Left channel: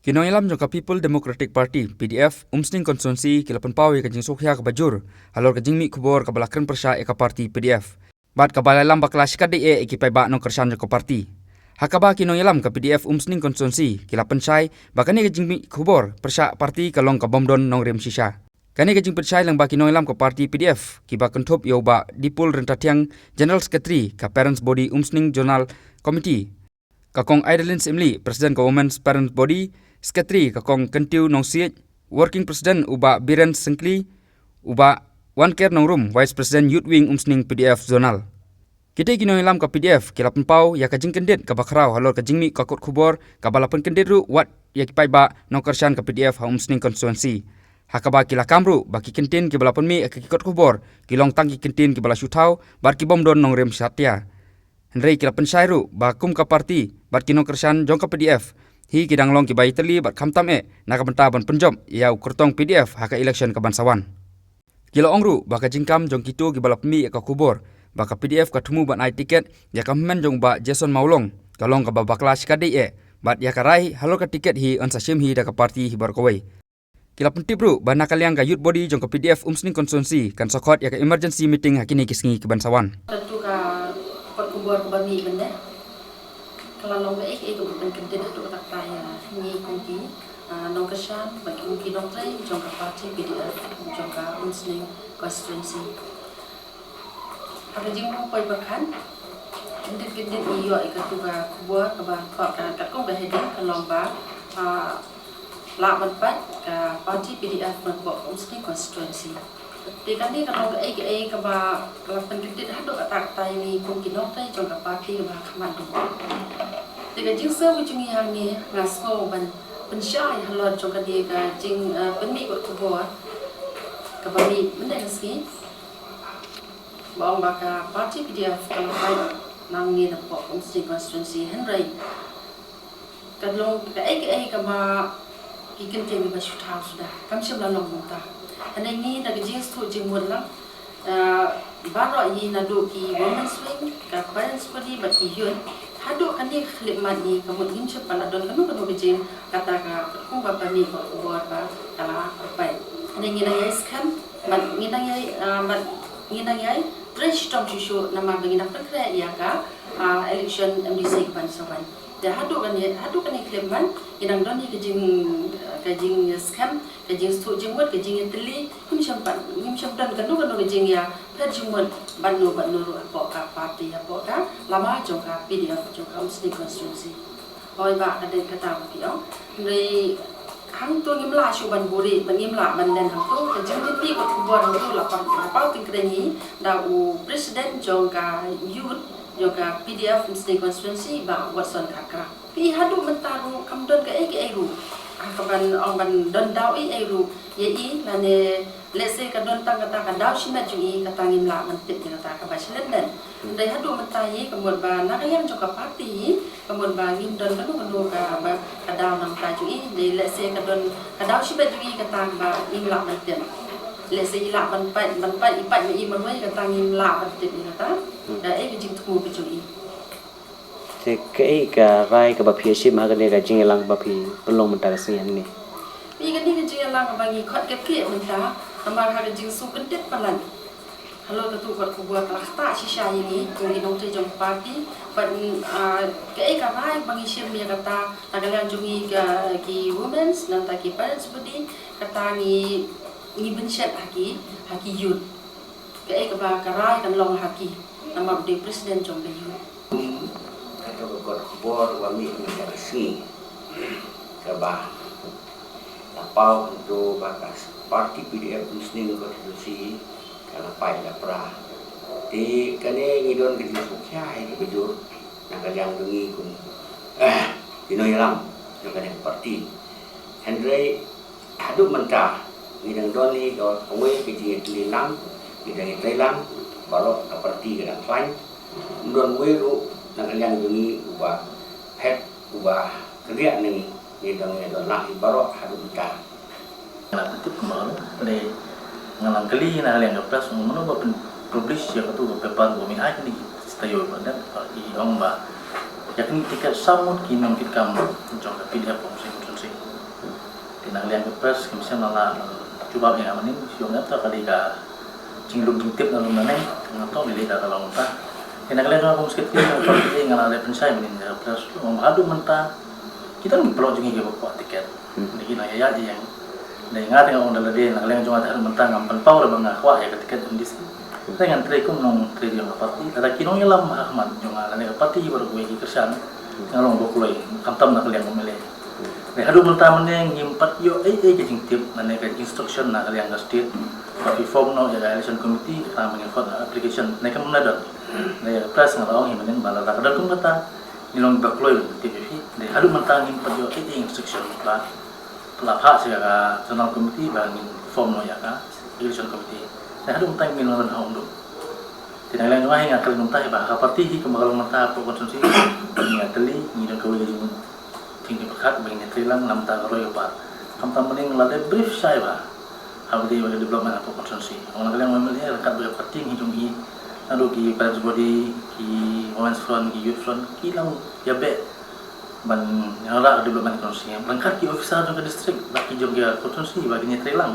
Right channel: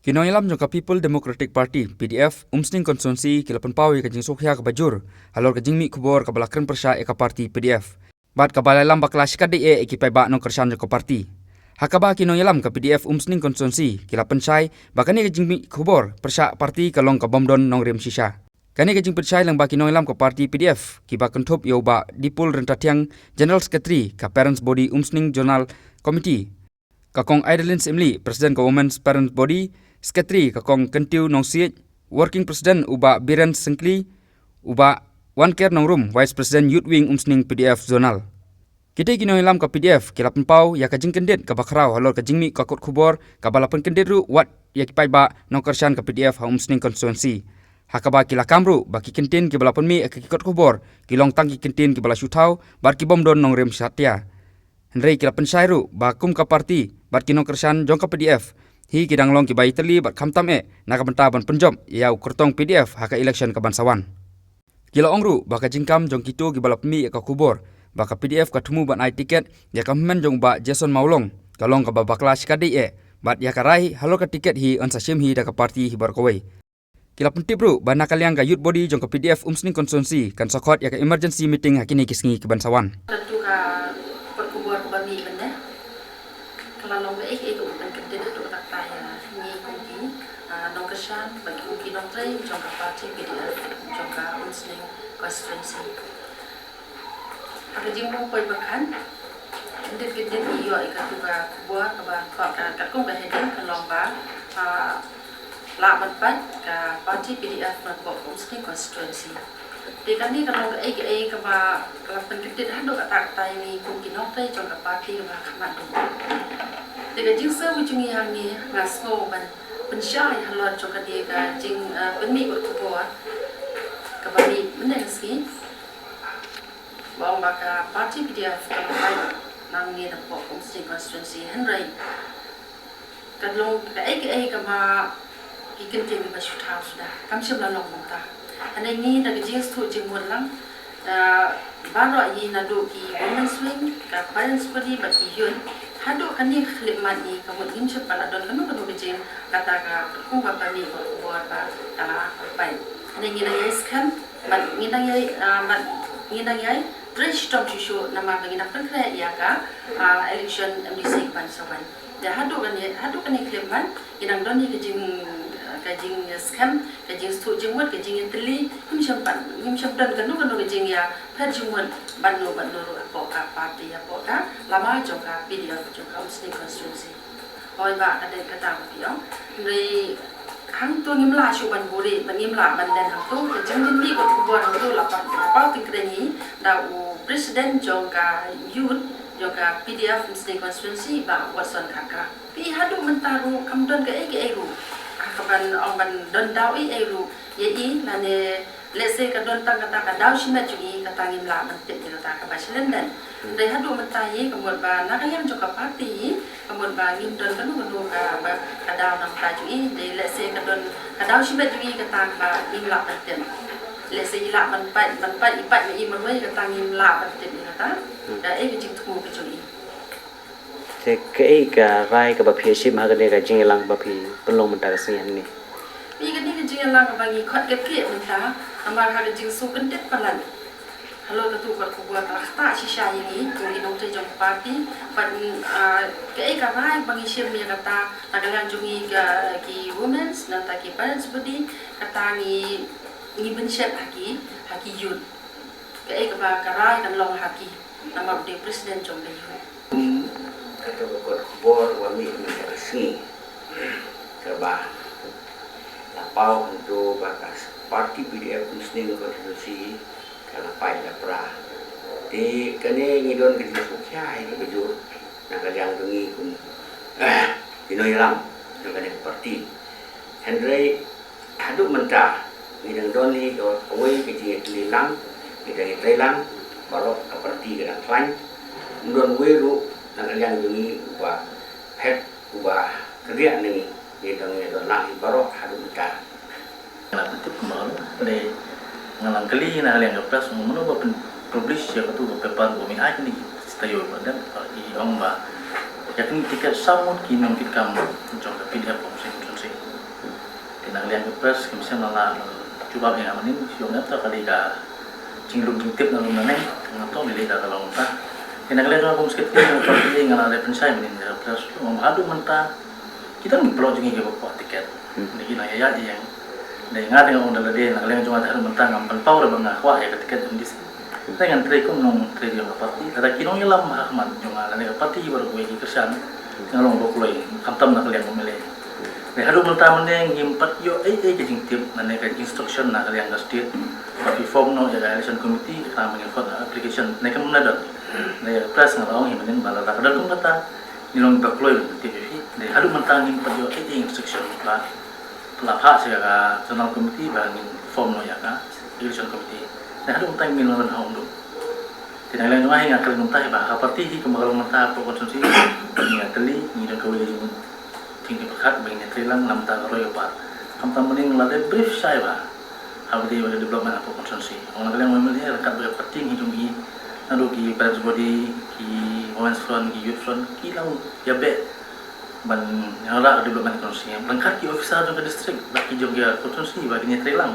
Kinong ilam jong ka People Democratic Party PDF umsning konstituensi kilapan pau ya kajing sokhya ka bajur halor kajing mi kubor ka balakran persya ka parti PDF bat ka balai lam baklas ka de ekipai ba nong kersan ka parti hakaba kinong ilam ka PDF umsning konstituensi kilapan sai bakani kajing mi kubor persya parti kalong ka bomdon nong rem sisa kani kajing persya lang ba kinong ilam ka parti PDF ki ba kenthop yo ba dipul rentatiang General Secretary ka Parents Body umsning Journal Committee kakong Idolins Imli President ka Women's Parents Body Sekretari kakong Kentiu Nong Siet, Working President uba Biren Sengkli, uba Wan Ker Nong Rum, Vice President Youth Wing umsning PDF Zonal. Kita kinong ilam ka PDF, kilapan pau ya kajing kendit ka bakrau halor kajing mi kakot kubor, kabalapan kendit ru wat ya kipai ba nong kersan ka PDF ha umsning konstituensi. Hakaba kila kamru, baki kentin ki balapan mi kakikot kubor, kilong tangki kentin ki bala syutau, bar ki bomdon nong rem satya. Henry kilapan syairu, bakum ka parti, bar kinong kersan jong ka PDF, hi kidang long ki bai teli bat khamtam naka benta ban penjom ya ukurtong PDF haka election ka bansawan kilo ongru baka jingkam jong kitu ki balap mi ka kubor baka PDF ka thumu ban ai tiket ya ka men jong ba Jason Maulong kalong ka babaklas ka de bat ya ka rai halo ka tiket hi ansa sim hi da ka parti hi bar kowai kila pentibru bana kaliang ka youth body jong ka PDF umsning konstituensi kan sokot ya ka emergency meeting hakini kisngi ki bansawan tentu ka kubor ka bami benda kalau long itu ban kentin itu tak taya ni kunci nong kesan bagi kunci nong tray jangka parti PDF jangka umsning konstituensi ada jimu poi bakan kentin iyo ikat tuga kubur kaba kat kong bahedin kalong ba la ban ka parti PDF ban umsning konstituensi di kan ni kalau kaba lapan kentin hado tak taya ni kunci nong tray jangka parti kaba kamadu Dengan jingsa ujungi hangi ngasko ban pensyai halor jongka dia ka jing penmi kot kubor kabami menen ski baong baka parti PDF kalau pai nangi na po umsting konstituensi Henry kadlong ka kama kikin ting ba shutau sudah kam sim la long mongta anai ni na jing stu jing mun lang baro yi na do ki women's wing ka parents body ba ki yun hado kani khlip mani kamu ngim chepala don kanu kanu bejin kata ka ku ba pani ko buat ba kala pai ane ngina yai skam ban ngina yai fresh tom chu nama bangina prakra ya ka election MDC ban sawan ya hado kani khlip man inang don ni kajing skam kajing stu jingmot kajing teli ngim chempan kanu bejin ya pet jingmot banu ru apa ka parti apa ka lama jongka PDF jongka umsning konstituensi oi ba ada kata piong dari hang tu ngimla shuban buri ngimla manden hang tu kajing ni ko kubor hang tu lapan pau tingkreni da u president jongka youth jongka PDF umsning konstituensi ba Watson Kaka pi hadu mentaru kamdon ke ru akaban ong ban don dau ru ye lane let's say kadon tang kata ka daw shimet ju kata ngimla mentip kata ka basilenden dai hadu mentai kemud ba nakayam joka parti kemud ba ngim don kanu ka ba kadaw nang ta ju dai let's say kadon kadaw shimet ju kata ba ngimla mentip let's say ila ban pai ipat me man wei kata ngimla mentip kata da jing tu ke ju te ke ka rai ka ba phieshi ma ga le ka jingelang ba phi pelong menta ka sian ni ni kan ni jingelang ka bagi khot ke menta amar ha jing su kendet palan halo tu kot ku buat ta sisa ini ngi nong te jong parti pan ke ka rai bagi sim ya kata tagalan jungi ki women's nan ta ki parents body kata ni bencet haki youth ke ka ba ka rai kan long haki nama de presiden jong de youth kata kot kubor wami menjadi sini sebab lapau untuk bakas parti PDF umsning konstitusi kalau pai la pra di kane ngidon ke jenis mukhai ke bejur nak kaliang dengi kun dinoy lam nak kane parti Henry hadu mentah ngidang doni do away ke jenis lilang ngidang Thailand baru ke parti ke dak lain ndon weru nak kaliang dengi ubah pet ubah kerja ni ngidang lah baru hadu mentah la pentip mal de ngalang kali na haliang kaplas ngono ba publish ya tu pepan bumi ai ni stayo dan i ong ba yakni tiket samut kinong tikam jong PDF umsning konstituensi nak liang ke pres kimsen nala cuba yang amanin siung apa kali ka cinglung jingtip nalung naneng ngato milih dah kalau muntah nak liang aku mesti kita parti ngala ada pensai menin pres memadu mentah kita ni perlu jengi ke bawa tiket ni na ya yang dai nga tengok onda lade nak liang cuma tak mentah ngampan power bang akwa ya tiket indis dengan trekum nong tre dia parti ada kinong ilam ahmad junga lane parti baru gue kersan ngalong bokloi kamtam nak liang memilih nih hadu mentah meneng himpat yo jing tip nane ka instruction nak liang state tapi form no ya election committee kita menginfot application nek menadar nih press ngalong himenin bala tak ada kum kata nilong bokloi tip fi nih hadu mentah himpat yo instruction ba pelapha sia ka national committee ba form no ya ka election committee nih hadu mentah nilong haung do tidak lain cuma hingga kali mentah ba ka parti hi kembang mentah pro konsumsi ni atli ni dan kawai jing tinggi berkat bagi trilang lam ta roy ba kam tam mening la de brief sai ba how they will development apa konsumsi orang kalian memang dia kat ber penting hidung hi lalu ki parents body ki women's front ki youth front ki lang ya be ban ngala development konsumsi lengkap ki officer jong ke district bagi jong ke konsumsi bagi ni trilang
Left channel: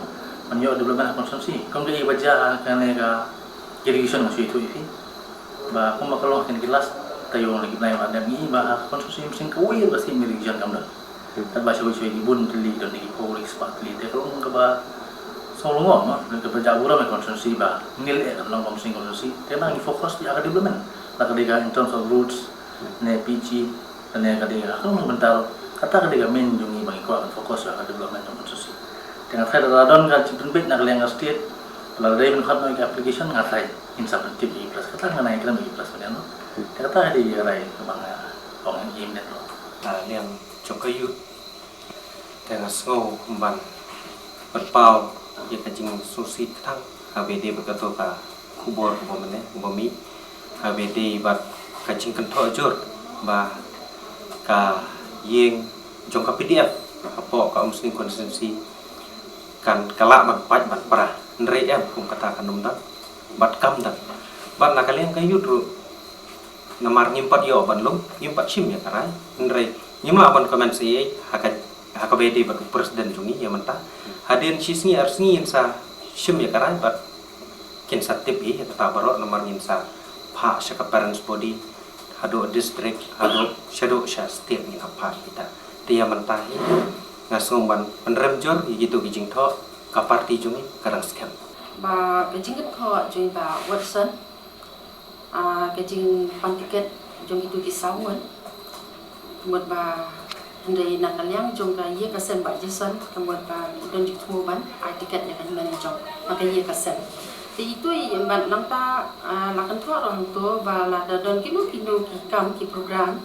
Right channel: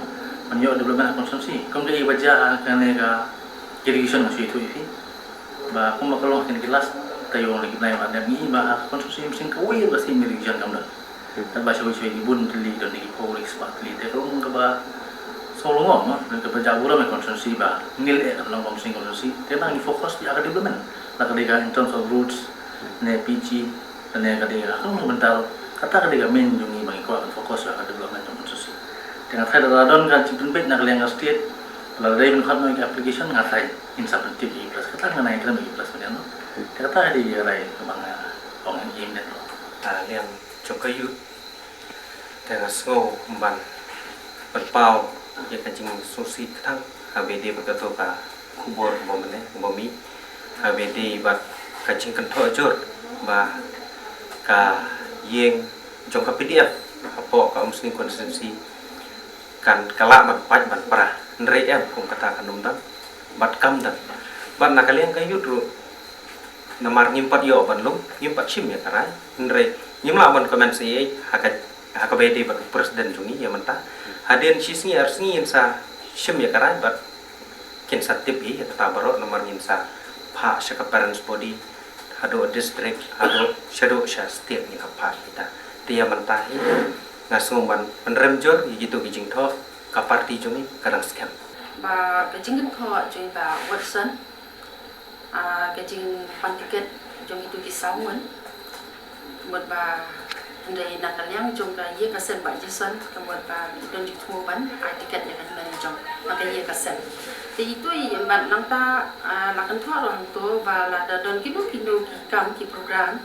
ban yo development konsumsi kom dia baca kan ka irrigation masih itu ifi ba kum makalong kin kelas tayo lagi naik ada ni bah konsumsi mesin kawai pasti milik jan kamu dah. Tak baca baca ibun teli dan lagi polis pak teli. Tapi kalau mungkin bah solongon, mah mereka berjabura med konsumsi bah nilai kan orang mesin konsumsi. Karena ini fokus di agak development. Lah ketika in terms of routes, ne PG dan ne ketika kalau bentar kata ketika main jungi bagi kau akan fokus agak development konsumsi. Dengan saya dalam kan cipin bed nak liang state. Kalau dari menkhot no application ngatai insap tip i plus kata nganai kena i plus macam no. Kata di rai bang orang im net lo. Liam Jokayu dengan snow ban berpau ya kacing susi tang HBD berkata ka kubur kubomene kubomi HBD bat kacing kentok jur ba ka yeng jongka PDF apa ka muslim konsensi kan kalak ban pat ban parah ndrei kum kata kan numdan bat kam dan ban nakalian kayu dulu namar nyimpat yo ban lum nyimpat sim ya karai ndrei nyimla ban komen si HKBD bat presiden jungi ya mentah haden sisni arsni insa sim ya karai bat kin satip ya tata baro namar nyinsa pha shaka parents body hado district hado shadow state ni apa kita dia mentah ngasung ban penrem jor gitu kijing tho ka parti jungi karang scam ba kijing tho jui ba Watson kijing pantiket jong itu kisauan kemudian ba ndai nak liang jong ka ye ka sen ba Jason kemudian ba don jik mu ban tiket ya kan men jong maka ye ka sen ti itu ban nang ta lakan tho ro to ba la don kinu ki kam ki program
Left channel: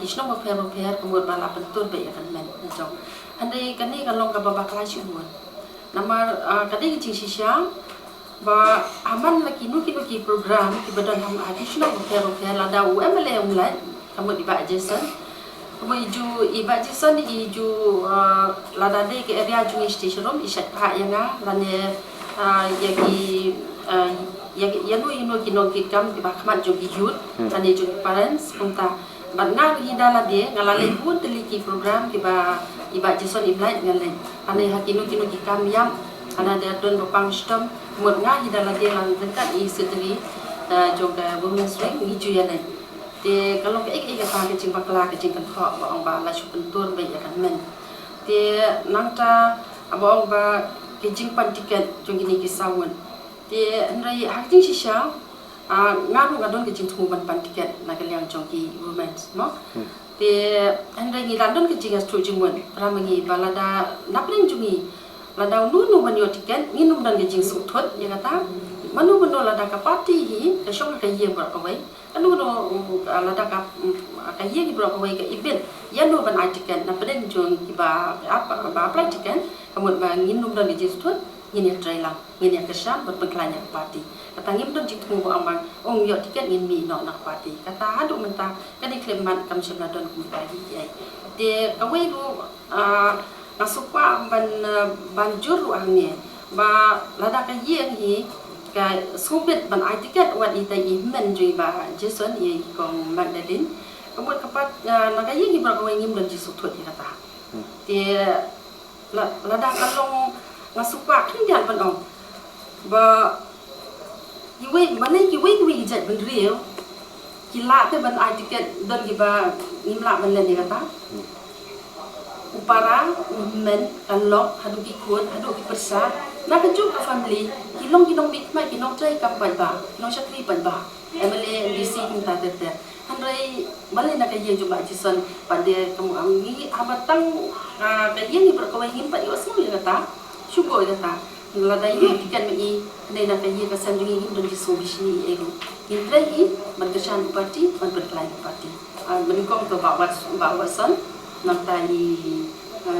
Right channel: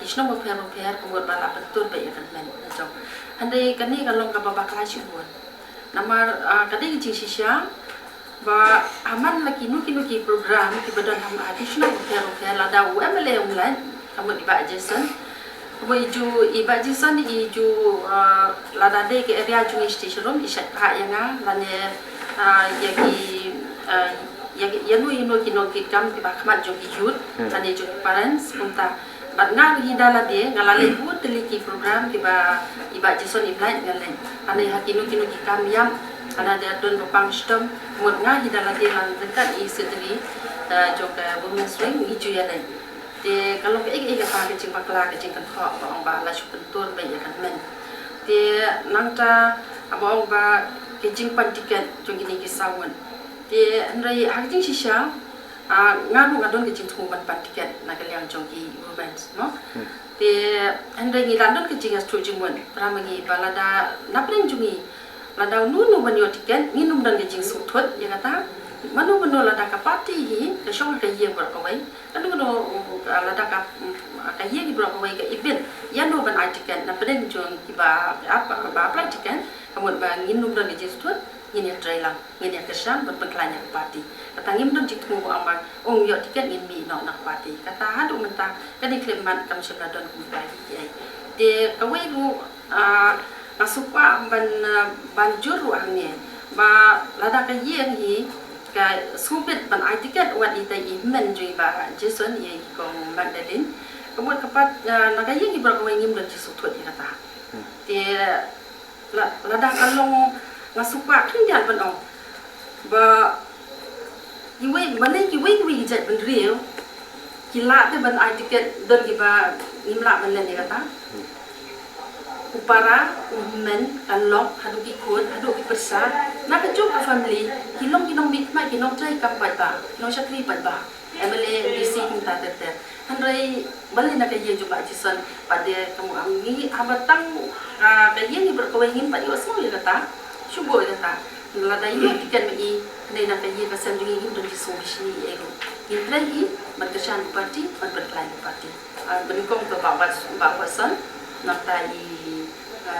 kisno mo fer kemudian ba la pentur ba ya kan men jong andai kan ni kalong ka ba kelas buat namar kadai kijing sisya ba aman lagi kinu ki program ki badan ham additional fer la da UMLA online kamu di Pak Jason kamu iju iba Jason iju la da de ke area jungi station room isat ha yang lane yanu kino ki kam di bakmat jogi youth tani jogi parents punta batnga hidala de ngalale pun teliki program ki ba iba Jason iblat ngalen ane hakinu ki kam yam ana dia don bopang stom mut nga hidala dia lang dekat i sedri juga women's ring hiju ya lai te kalau ke pa ke cing bakla ke cing kan kho ba ba la chu pentur ba ya kan men te nangta abang ba ke cing pan tiket jong gini ki sawon te nrai hak jing shisha ngaru ngadon ke cing thu ban pan tiket na ke liang jong ki women's no te nrai ngi landon ke cing as chu jing won pramangi balada napring jungi lada nunu banyo tiket nginum dan gejing suthut ya kata manu beno lada ka party hi ka shong ka ye bro ka wai anu no lada ka ye ki bro ka wai ka event ya no ban tiket na pedeng jong ki ba apa ba apply tiket kemudian ba nginum dan gejing suthut ngin ya trailer ngin ya kesan buat pengklanya party kata ngim don jik tu mo amang ong yo tiket ngin mi no nak party kata hadu mentah ka di kleman kam sebla don ku bagi ai de ka wai ru nasupa banjur ruangnya ba lada ka yeng hi ka subit ban tiket wat ita men jui ba Jason ye kong Magdalene kemudian kepat naga yeng hi berkawai ngim dan jisu thut kata te ladang kalong ngasupa kan dia ban om ba kiwi mana kiwi jat ban riu kila te ban ai tiket dan kiba nimla ban len kata upara men kalong hadu ki kun hadu ki persa na kejuk ka family kilong big mai kilong trai ka pai ba kilong syakri pai ba emele dc minta tete andai balik nak kajian juga jison pada kamu amgi abatang kajian ni berkawin pada semua ya kata syukur kata lada yuk tiket mai nai nak kajian pasal jungi dan jisu bisni ego intrai berkesan parti berkelai parti menikong tu bawa son nak tadi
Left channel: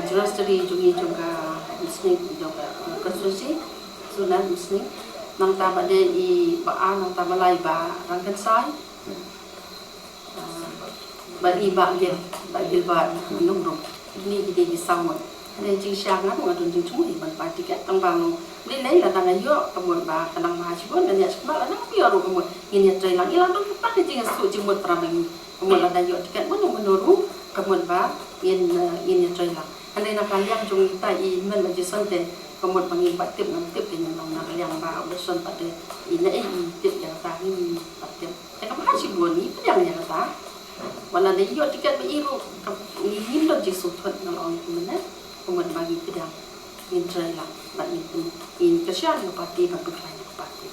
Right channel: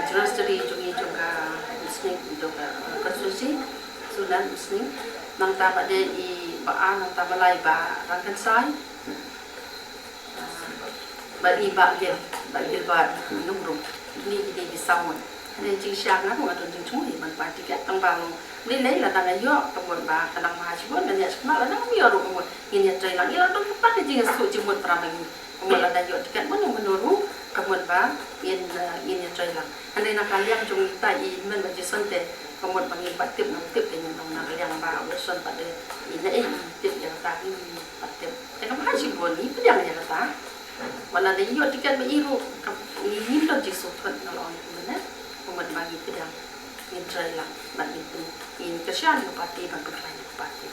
jelas dari jungi juga muslim juga konstitusi sunan muslim nang ta pada baan nang ta malai ba rangkan sai bagi bagel ba nung dum ni jadi disau ada jing syang nak ngadun jing cumi ban parti kat tang bang ni là tang ayo kemun ba kanang mahasiswa dan ya sekolah nang biar kemun ini trai lang ilang dong pak jing su jing mut prabangi kemun ada yo tiket menurut kemun ba ini trai lang andai nak kalian jung tai men majison te kemun pangin batip nang tip dengan nang kalian ba urusan pada ini tip yang ta ni batip ya mahasiswa ni pedang ya kata wala na iyo tiket mairu ini lo jisu thot nalong kumena kemun bagi pedang in trai lang bat itu in kesyan parti ban berkelai parti